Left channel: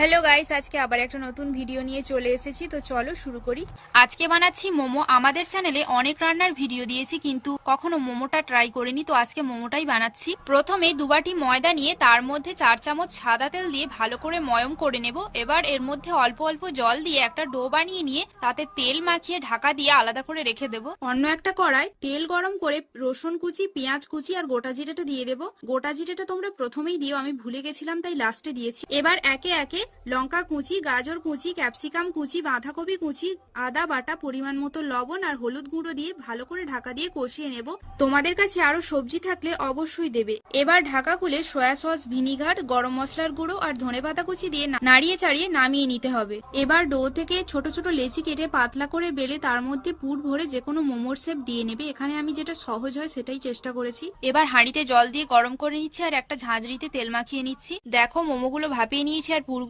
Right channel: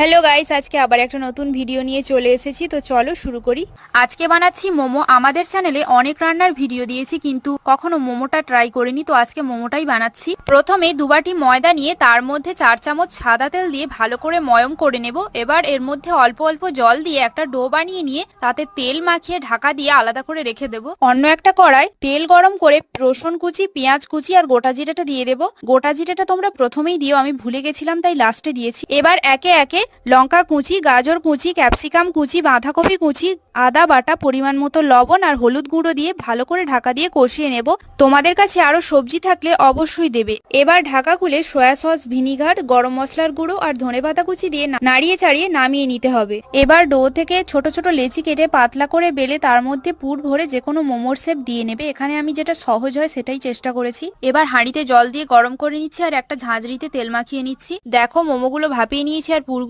Hello guys, আজকে আবার একটা নতুন ভিডিও নিয়ে চলে এসেছি। তো চলো শুরু করি। আজকে বানাচ্ছি মোমো। আমাদের চ্যানেলে অনেক রান্নার ভিডিও দিয়েছি কিন্তু কখনো মোমোটা ট্রাই করিনি, তো আজকে মোমোটাই বানাচ্ছি। প্রথমে 2 বাটি ময়দা নিয়ে তার মধ্যে 4 চামচ সাদা তেল দিয়ে ভালো করে ময়ম করে নেব। এবার এর মধ্যে অল্প অল্প জল দিয়ে একটা ডো বানিয়ে নিয়ে তাতে তেল মাখিয়ে ঢাকা দিয়ে আলাদা করে রেখে দেব। অন্য একটা কড়াই তেল গরম করে রসুন কুচি, পেঁয়াজ কুচি আর গোটা জিরাটা দিয়ে দেবো। গোটা জিরাটা তোমরা প্রথমেই দিও, আমি ভুলে গেছিলাম তাই লাস্টে দিয়েছি। এবার একে একে লঙ্কা কুচি, গাজর কুচি, ক্যাপসিকাম কুচি, বাঁধাকপি কুচি, আদা বাটা, পরিমাণ মতো লবণ আর হলুদ গুঁড়ো দিয়ে ভালো করে ঢাকা দিয়ে কষিয়ে নেব। তোমাদের কাছে আরো সবজি থাকলে অবশ্যই দেবে। এবার ঢাকা খুলে সয়া সস, ভিনিগার, গরম মশলার গুঁড়ো আর ধনেপাতা কুচি দিয়ে নাড়িয়ে চাড়িয়ে নামিয়ে নিতে হবে। এবার ডো থেকে ছোট ছোট লেচি কেটে পাতলা করে বেলে তার মধ্যে পুর ভরে যে কোনো মোমোর শেপ দিয়ে নেবে। এখানে আমি যেটা সহজ হয় সেটাই চেষ্টা করেছি। এবার হাঁড়িতে জল দিয়ে গরম করে নিচ্ছি আর একটা ঝাঁঝরিতে তেল মাখিয়ে নিচ্ছি। দেখো মোমোগুলো ভাপিয়ে নিয়েছি আর পুর